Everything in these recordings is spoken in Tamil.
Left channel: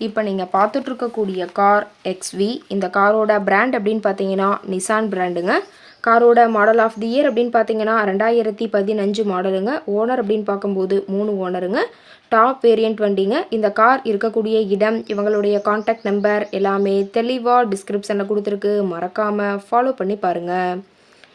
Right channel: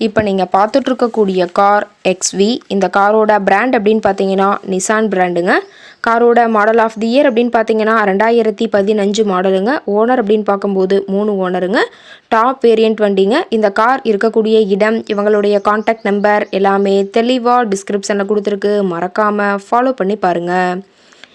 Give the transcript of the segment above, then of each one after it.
இப்போ நீங்கள் பார்த்துட்ருக்கக்கூடிய கார் எக்ஸ்வி இந்த காரோட பிராண்ட் அப்படின்னு பார்த்தீங்கன்னா நிசான் பிராண்டுங்க காரோட மாடல் ஆஃப் தி இயர் அப்படின்னு பார்த்தீங்கன்னா ரெண்டாயிரத்தி பதினஞ்சு மாடலுங்க ஓனர் அப்படின்னு பார்க்கும்போது மூணு ஓனருங்க டாப் வேரியண்ட் வண்டிங்க. இந்த கார் இருக்கக்கூடிய இடம் இவங்களுடைய காண்டாக்ட் நம்பர் எல்லாமே தெளிவாக டிஸ்கிரிப்ஷனில் கொடுத்துருக்கு. மறக்காமல் ஃபாலோ பண்ணி பாருங்கள்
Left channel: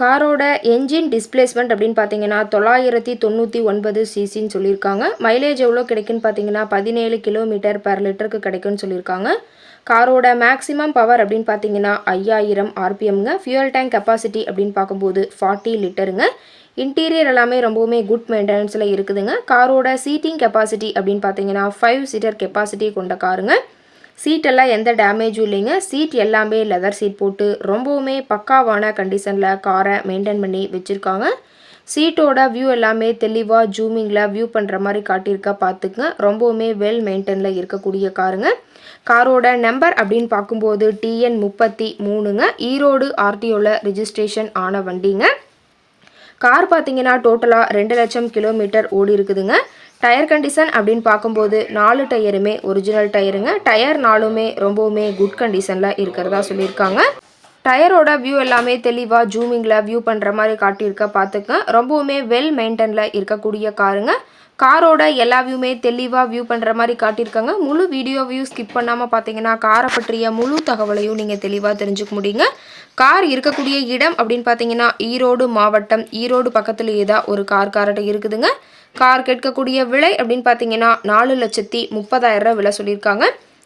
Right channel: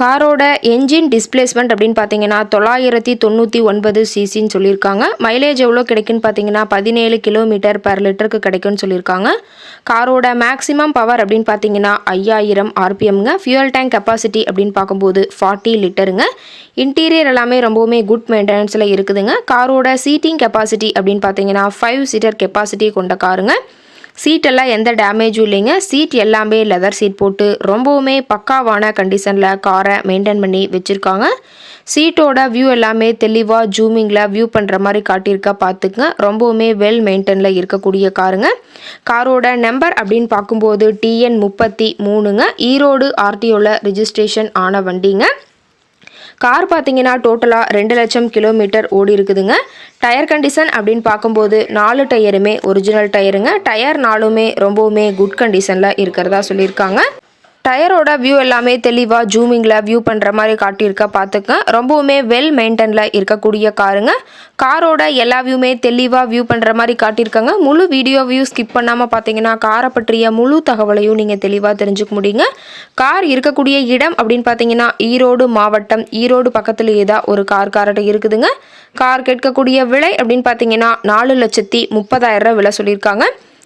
காரோட என்ஜின் டிஸ்பிளேஸ்மெண்ட் அப்படின்னு பார்த்தீங்கன்னா தொள்ளாயிரத்தி தொண்ணூற்றி ஒன்பது சிசின்னு சொல்லியிருக்காங்க. மைலேஜ் எவ்வளோ கிடைக்குன்னு பார்த்தீங்கன்னா பதினேழு கிலோமீட்டர் பர் லிட்டருக்கு கிடைக்கும்னு சொல்லியிருக்காங்க. காரோட மேக்ஸிமம் பவர் அப்படின்னு பார்த்தீங்கன்னா ஐயாயிரம் ஆர்பிஎம்ங்க ஃபியூயல் டேங்க் கெப்பாசிட்டி அப்படின்னு பார்க்கும்போது ஃபார்ட்டி லிட்டருங்க இன்டீரியர் எல்லாமே ரொம்பவுமே குட் மெயின்டெனன்ஸில் இருக்குதுங்க. காரோட சீட்டிங் கெப்பாசிட்டி அப்படின்னு பார்த்தீங்கன்னா ஃபைவ் சீட்டர் கெப்பாசிட்டி கொண்ட காருங்க. சீட்டெல்லாம் எந்த டேமேஜும் இல்லைங்க. சீட் எல்லாமே லெதர் சீட் போட்டு ரொம்பவுமே பக்காவான கண்டிஷனில் காரை மெயின்டைன் பண்ணி வச்சுருக்காங்க. சீட்டோட வியூ எல்லாமே தெளிவாக ஜூமிங்கில் வியூ பண்ணுற மாதிரி காட்டியிருக்க பார்த்துக்குங்க. ரொம்பவுமே வெல் மெயின்டெனில் இருக்கக்கூடிய காருங்க காரோட நம்பர் அப்படின்னு பார்க்கும்போது டிஎன் முப்பத்தி மூணுங்க. ஈரோடு ஆர்டிஓவில் ரிஜிஸ்ட்ரேஷன் ஆன வண்டிங்க. கார் பார்த்தீங்கன்னா டோட்டலாக ரெண்டு லட்சம் கிலோமீட்டர் ஓடி இருக்குதுங்க. டயர் கண்டிஷன் அப்படின்னு பார்க்கும்போது நாலு டயருமே ஒரிஜினல் டயருங்க டயர் நாலுமே ரொம்பவுமே குட் கண்டிஷனில் இருக்கிறதா சொல்லியிருக்காங்க. டயரோட வியூ எல்லாமே தெளிவாக ஜூமிங்கில் வியூ பண்ணுற மாதிரி காட்டியிருக்க பார்த்துக்க ரொம்பவுமே வெல் மெயின்டெனில் இருக்கக்கூடிய காருங்க. காரோட எல்லா வியூமே தெளிவாக வியூ பண்ணுற மாதிரி காட்டியிருக்காங்க. முழு வீடியோ வியூ ஸ்கிப் பண்ணாமல் பார்த்தீங்கன்னா காரை பற்றிய முழு தகவலையும் நீங்கள் தெளிவாக தெரிஞ்சுக்க முடியுங்க. கார் இருக்கக்கூடிய இடம் அப்படின்னு பார்த்தீங்கன்னா ஈரோடு மாவட்டம். ஈரோடு பக்கத்துலேயே தான் ஒரு கார் கார்ட்ட இருக்குதுங்க. கார் கேட்கக்கூடிய விலை அப்படின்னு பார்த்தீங்கன்னா நாலு லட்சத்தி முப்பதாயிரம் ரூபா விலை சொல்லியிருக்காங்க.